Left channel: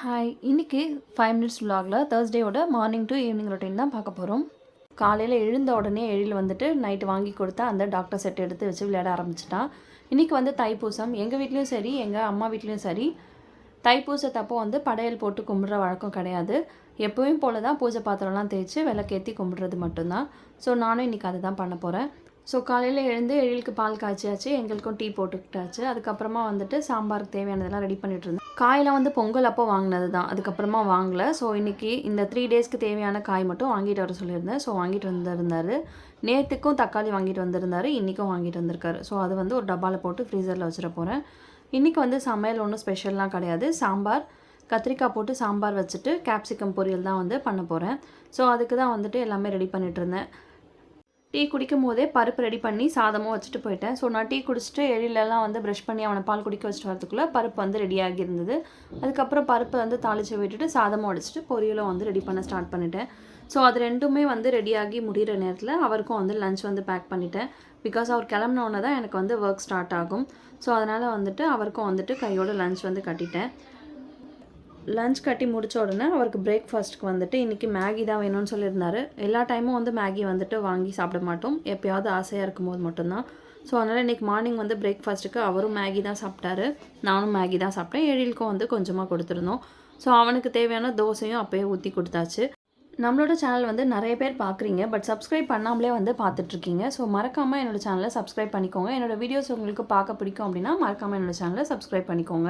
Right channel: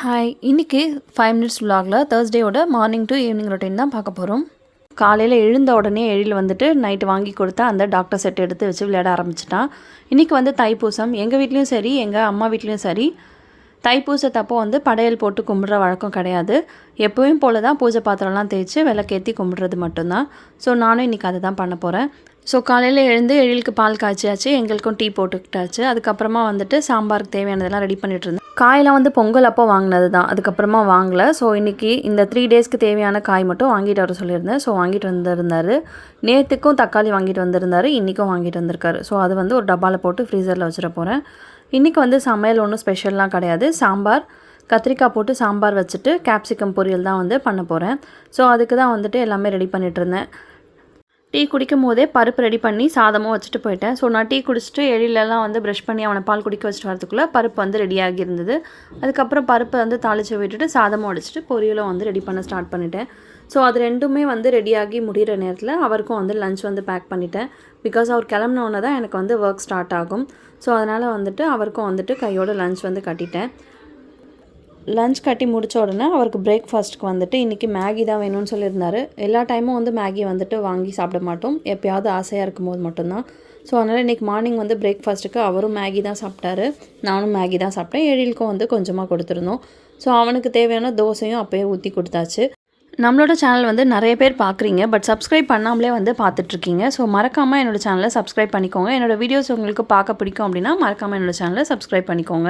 Hi இன்றைக்கி five minutes vlogல தேர்ஸ்டேயோட மார்னிங் டு ஈவினிங் ரொட்டீன் தான் பார்க்க போகிறோம் காலையில் எழுந்த உடனே எழில் வந்துட்டு நைட்டு வாங்கி கொடுத்தா அந்த டாக்டர் செட் எடுத்து வச்சு விளையாட ஆரம்பிச்சிட்டான். இன்றைக்கி வந்து தைப்பூசம். எங்கள் வீட்லேயும் சரி எங்கள் அம்மா வீட்லேயும் சரி. தைப்பூசத்தப்போ வந்து படையல் போட்டு கும்பிட்ற வழக்கம் கிடையாது. எப்பவும் போல தான் பூஜை பாத்திரம்லாம் தேய்ச்சி விளக்கேற்றி கும்பிட்றது மட்டும்தான். ஸோ நானும் இன்றைக்கி அதை தான் பண்ண போகிறேன் ஸோ காலையில் எழுந்து எழிலுக்கு பால் காய்ச்சியாச்சு எங்களுக்கும் டீ போட்டுக்கிட்டாச்சு. அதுக்கப்புறமா வந்துட்டு சாம்பாருக்கு தேவையானதெல்லாம் ரெடி பண்ணிட்டு இருந்தேன் காயெல்லாம் வந்து பொங்கல் அப்போ வாங்கினது தான் அதுக்கப்புறமா வாங்கலை. ஸோ இன்றைக்கி இந்த த்ரீ டேஸ்க்கு தேவையான காய் மட்டும் வாங்கிட்டு வர சொல்லியிருந்தேன். ஸோ வாங்கிட்டு வந்திருந்தார். நேற்றுக்கும் தக்காளி வாங்கிட்டு வந்திருந்தார். இன்றைக்கும் வாங்கிட்டு வந்திருக்காரு. ஸோ அது வந்து ஒரு டப்பாவில் போட்டு ஃப்ரீசரில் வச்சிட போகிறேன் இன்றைக்கி வந்து சமையல் ஒன்றும் ஸ்பெஷல்லாம் கிடையாது. சாம்பார் கத்திரிக்காய் போட்டு சாம்பார் வச்சுட்டு கேப்சிகம் பொரியல் தான் வந்து பண்ண போகிறேன் ஸோ அதுக்கு தான் வந்துட்டு எல்லாமே ரெடி பண்ணிகிட்டு இருந்தேன் டீ குடிக்கும் போதே பருப்பு ரெடி பண்ணி சாதமும் வச்சுட்டு போயிட்டேன். ஸோ நான் டீ குடிச்சிட்டு எழிலெல்லாம் வந்து ப்ரஷ் பண்ணி அவனை பால் குடிக்க வச்சுட்டு வரதுக்குள்ளே பருப்பு வந்து ரெடி ஆகியிருந்தது. அதுக்கப்புறம் பருப்பை வந்து தாளித்து விட்டுட்டு சாதமும் அடிச்சுட்டு பொரியலும் வந்து ரெடி பண்ண ஸ்டார்ட் பண்ணிட்டேன். ஸோ அது ரெண்டுமே வந்து ரெடியாகி முடிகிற நேரத்தில் அவருக்கும் வந்து லஞ்ச் வந்து பேக் பண்ணிட்டேன். பிகாஸ் அவர் கிளம்பினோன்னே தான் எனக்கு வந்து ஒர்க் ஸ்டார்ட் ஆகும். ஸோ அதனால் வந்துட்டு அவருக்கும் வந்துட்டு கையோட லஞ்ச் வந்து கட்டிட்டேன். லஞ்ச் கட்டி முடித்த உடனே அவருக்கு பிரேக்ஃபாஸ்ட்டுக்கு வந்துட்டு இன்றைக்கி மேகி தான் வேணும்னு சொல்லியிருந்தார். எல்லா டைமும் வந்து மேகி வந்துட்டு வாங்கி சாப்பிட மாட்டோம். எப்போயாவது ஆசையாக இருக்கும்போது மட்டும்தான். ஸோ அதனால் இன்றைக்கி மார்னிங் வந்து பிரேக்ஃபாஸ்ட்டுக்கு அவரும் மேகி தான் சாப்பிட்டாரு. நானும் மேகி தான் சாப்பிட்டேன். எழிலுக்கும் வந்து கொஞ்சமாக கொடுத்துருந்தோம். ஸோ அவனுக்கு தேவையான தோசையும் அப்போயே ஊற்றி கொடுத்தாச்சு. நம்மளோட சேனல் வந்து நிறைய பேர் பார்க்குறீங்க பட் சப்ஸ்கிரைப் பண்ணாமலே வந்து பார்த்துட்ருக்கீங்க. ஸோ மறக்காமல் என்னோடய சேனலை சப்ஸ்கிரைப் பண்ணிக்கோங்க. என்னோடய வீடியோஸ் உங்களுக்கு பார்க்க பிடிக்கும் அப்படின்னா மறக்காமல் என்னோடய சேனலை சப்ஸ்கிரைப் பண்ணிக்கோங்க.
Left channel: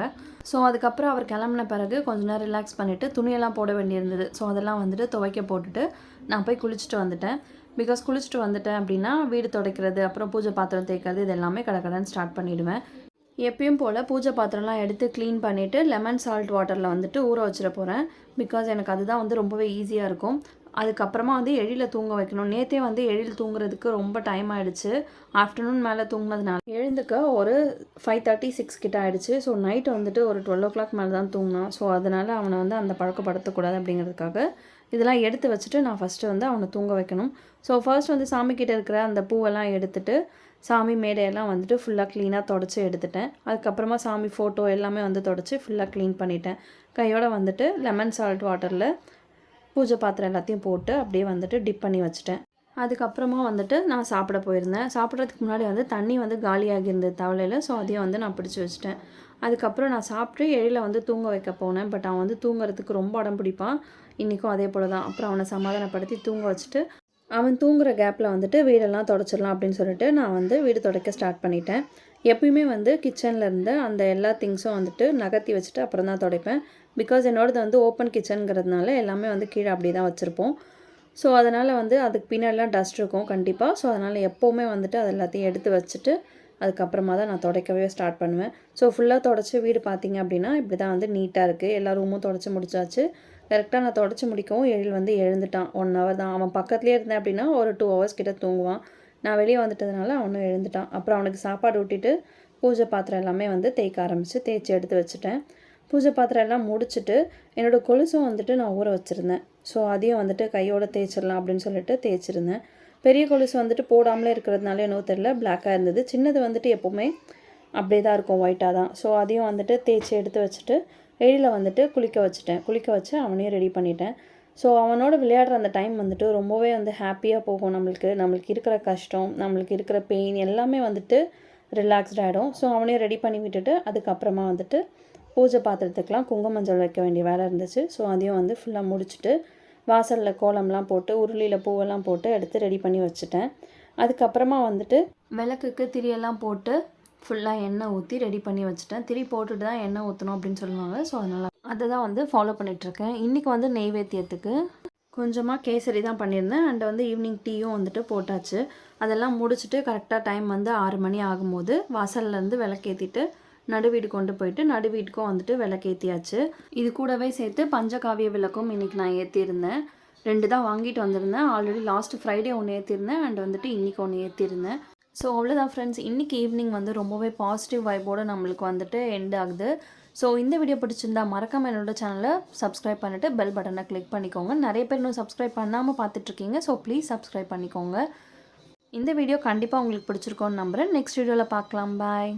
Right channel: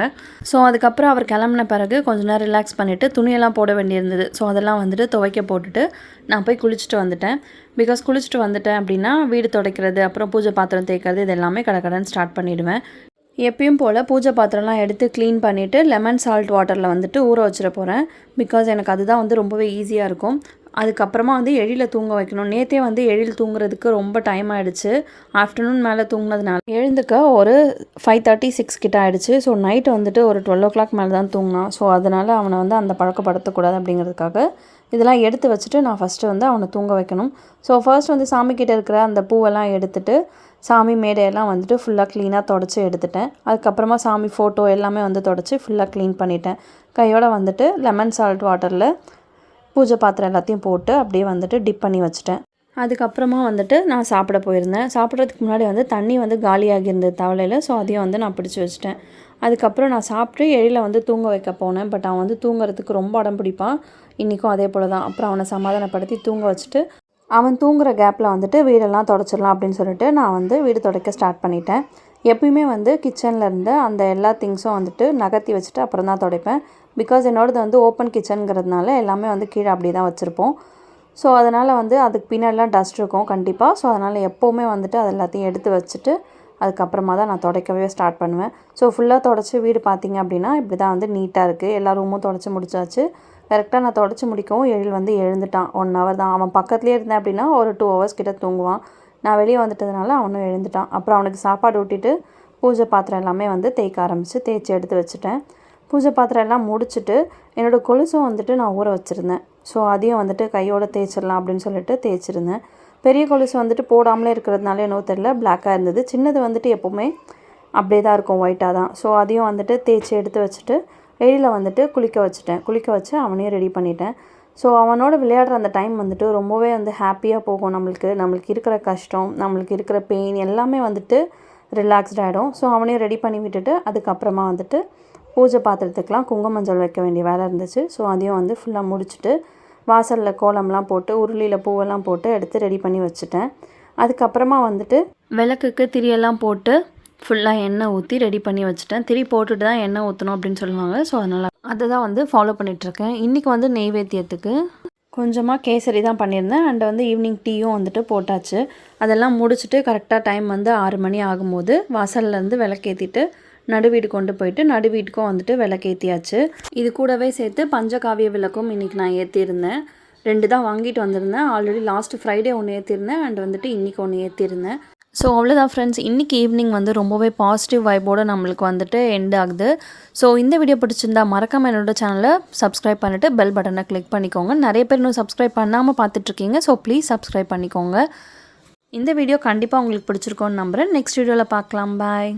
ஸோ அதுக்கப்புறம் அவர் கிளம்புன பிறகு கொஞ்ச நேரம் ரிலாக்ஸ் பண்ணிவிட்டு துணியெல்லாம் போட வேண்டியிருந்தது. ஸோ அதெல்லாம் வந்துட்டு துவைக்க போட்டுட்டு நான் போய் குளிச்சுட்டு வந்துட்டேன். பிகாஸ் குளிச்சுட்டு வந்துட்டேன் அப்படின்னா வீடு துடைக்கிறது அப்புறம் பூஜை பாத்திரம் தேய்க்கிறது இது எல்லாமே கடகடன்னு ஸ்டார்ட் பண்ணிவிடுவேன் எப்பயும் போல் பூஜை பாத்திரம்லாம் எடுத்து க்ளீன் பண்ணிவிட்டு லெமன் சால்ட் வாட்டரில் வந்துட்டு ஊற வச்சிட போகிறேன் பிகாஸ் எனக்கு அதுதான் வந்து ரொம்பவே ஈஸியாக இருக்கும். அதுக்கப்புறமா வந்து எழில் தூங்க வைக்கணும். நேற்றே வந்து எழில் தூங்குறதுக்கு ரொம்ப டைம் ஆகிடுச்சு ஆஃப்டர்நூன் மேலே தூங்கினதுனால எழுந்துக்க ஒரு ஃபைவ் தேர்ட்டி சிக்ஸ் கிட்ட ஆகிடுச்சு ஸோ நைட்டு வந்துட்டு ஒரு டுவெல் ஓ கிளாக் மேலே தான் தூங்கினான். ஸோ அதனால் அவனை வந்து அந்த பழக்கப்படுத்தக்கூடாது அப்படிங்கிறதுக்காக இதெல்லாம் எடுத்து வச்சுட்டு நான் ஃபஸ்ட்டு வந்து அவனை தூங்க வைக்கணும். ஸோ ஃபர்ஸ்ட் வந்து சாமிக்கிட்ட இருக்கிற அந்த பூவெல்லாம் எடுத்துகிட்டு சாமி மேடையெல்லாம் வந்துட்டு ஃபுல்லாக க்ளீனாக தொடச்சி எடுத்துட்டேன். அதுக்கப்புறமா சாமி ஃபோட்டோ எல்லாமே வந்து தொடச்சி ஃபுல்லாக க்ளீன் பண்ணிட்டேன். கையோடு வந்துட்டு லெமன் சால்ட் வாட்டரில் பூஜை பாத்திரம் எல்லாத்தையும் போட்டு அப்படியே வந்துட்டு டிப் பண்ணி வச்சுட்டேன். அதுக்கப்புறமா வந்துட்டு நான் சாப்பிட போயிருந்தேன். சாப்பிட்றதுக்கு முன்னாடி வந்து தண்ணி வந்து காலியாகி இருந்தது தவளையில் ஸோ அதையும் வந்து நான் பிடிச்சி வச்சுட்டேன். அதுக்கப்புறம் நான் சாப்பிட்டு எழில வந்து தூங்க வைக்க போனேன். பட் அவன் வந்து தூங்குறதுக்கு ரொம்ப அடம் பிடிப்பான். இன்றைக்கும் அதே போல் தான் அப்புறம் அவனை சமாதானப்படுத்தி தூங்க வச்சுட்டு அவன் தூங்குற கேப்பில் வந்துட்டு வீடெல்லாம் தொடச்சிடலாம் அப்படின்னு சொல்லிட்டு நான் வந்து வீடு துடைக்க ஸ்டார்ட் பண்ணிட்டேன். எப்பயுமே வந்து கிச்சனில் இருந்து அந்த எல்லா திங்ஸும் வந்துட்டு நகர்த்தி வச்சுட்டு அப்புறம் தான் துடைப்பேன். பிகாஸ் என்னோடது வந்து ஓப்பன் கிச்சனுங்கிறதுனால எல்லாமே வந்து கீழே அப்படி தான் வச்சுருப்போம். ஸோ அதனால் வந்து அதுக்கு பின்னாடிலாம் டஸ்ட் இருக்கும் கண்டிப்பாக ஸோ அதனால் எப்போவுமே வந்துட்டு அது எல்லாத்தையும் எடுத்து வச்சுட்டு அதுக்கப்புறமா தான் நான் துடைக்கவே ஸ்டார்ட் பண்ணுவேன். ஸோ ஃபுல்லாக தொடச்சி வீடு பார்த்திங்க அப்படின்னா இப்படி தான் வந்து நீட்டாக இருக்குது எல்லா ரூமும் தொடச்சி முடிச்சாச்சு. கரெக்டாக நான் தொடச்சி முடிக்கவும் எழில் வந்து எழுந்துட்டான். ஒன் ஹவர் தான். அவன் பக்கத்துலேயே இருந்தேன் அப்படின்னா ஒரு டூ ஹவர்ஸ் கிட்ட தூங்குவான். நான் வெளியே வந்துட்டதுனால அவனும் எழுந்துட்டான். அப்புறம் அவனுக்கு சாப்பாடு ஊட்டிட்டு பூஜை பாத்திரம் எல்லாமே வந்து தேய்க்க ஆரம்பித்து தேய்ச்சி எடுத்து வச்சுட்டேன். பூஜை பாத்திரம் எல்லாம் முடிச்சுட்டு என்னோடய கொலுசும் வந்துட்டு நான் ஊற வச்சுருந்தேன். ஸோ அதையும் வந்துட்டு கையோட தேய்ச்சிடலாம் அப்படின்னு சொல்லிட்டு தேய்ச்சிருந்தேன். பெரிய கொலுசு வந்துட்டு போடாமலே இருக்கிறதுனால என்னவோ தெரில பிளாக்காக இருந்தது. சின்னது வந்துட்டு எப்போவுமே அப்படியே தான் இருக்கும். ஒயிட்டாக தான். ஸோ அதையும் வந்துட்டு தேய்ச்சி எடுத்து வச்சுட்டு எழில் வந்துட்டு குளிக்க வச்சுட்டேன். குளிக்க வச்சு அவனையும் ரெடி பண்ணிட்டேன். ஸோ அவனோட விளையாடுற அந்த டைம் வந்துட்டு ரொம்பவே வந்து ஹாப்பியாக போகும் நம்மளுக்கு. நம்மளுக்கு இருக்கிற கஷ்டம் நம்மளுக்கு இருக்கிற பெயின் எல்லாமே வந்துட்டு ரிலாக்ஸ்ட் ஆகிடும் ஸோ அவனையும் ரெடி பண்ணி விட்டுட்டு அதுக்கப்புறமா வந்துட்டு பூஜை பாத்திரத்துக்கெலாம் குங்குமஞ்சள் வைக்க வேண்டிய வேலை இருந்துச்சு. ஸோ அதையும் வந்து ஃபுல்லாக முடிச்சுட்டு வாசலில் கோலம்லாம் போட்டு உருளியில் பூவெல்லாம் போட்டு எடுத்து ரெடி பண்ணி வச்சுட்டேன். அதுக்கப்புறமா வந்துட்டு விளக்குக்கு திரியெல்லாம் போட்டு ஃபுல்லாக எண்ணெய் ஊற்றி ரெடி பண்ணி வச்சுட்டேன். திரி போட்டுட்டு தான் எண்ணெய் ஊற்றணும் அப்படின்னு சொல்லுவாங்க. ஸோ அதனால் அதை தான் வந்து ஃபாலோ பண்ணிகிட்ருக்கேன் இன்றைக்கி வந்து நெய்வேத்தியத்துக்கு கொஞ்சமாக கேசரி தான் பண்ணியிருந்தேன். அண்ட் வந்து ஈவினிங் டீயும் வந்துட்டு போட்டாச்சு. அதெல்லாம் முடிச்சுட்டு கரெக்டாக டைம் வந்து ஆறு மணி ஆகும்போது வாசல்லேருந்து விளக்கேற்றிட்டு நடு வீடு கொண்டு போயிட்டு நடு வீட்டுக்கும் வந்துட்டு விளக்கேற்றியாச்சு இது கூடவே சேர்த்து பஞ்சகாவிய விளக்கும் இன்றைக்கி நான் ஏற்றியிருந்தேன் ரெண்டு தான் வாங்கிட்டு வந்திருந்தேன். ஆல்ரெடி லாஸ்ட் ஃப்ரைடே ஒன்று ஏற்றிருந்தேன் அண்ட் வந்துட்டு இன்றைக்கி ஒன்று ஏற்றிருந்தேன் ஸோ அவ்வளோதான் ஃப்ரெண்ட்ஸ் இன்றைக்கி ஈவினிங் வந்து ரொம்பவே பாசிட்டிவ் வைபோடு நம்மளுக்கு வந்துட்டு எண்ட் ஆகுது. ஸோ இந்த வீடியோ பிடிச்சிருந்தா மறக்காமல் என்னோட சேனலை சப்ஸ்கிரைப் பண்ணிவிட்டு பெல் பட்டனை கிளிக் பண்ணிக்கோங்க. நிறைய பேர் இன்னும் சப்ஸ்கிரைப் பண்ணாமல் பார்த்துட்ருக்கீங்க. ஸோ ப்ளீஸ் சப்ஸ்கிரைப் பண்ணிக்கோங்க. இந்த வீடியோ கண்டிப்பாக உங்களுக்கு பிடிச்சிருக்கோன்னு நம்புகிறேன் நெக்ஸ்ட் வீடியோவில் பார்க்கலாம். பாய்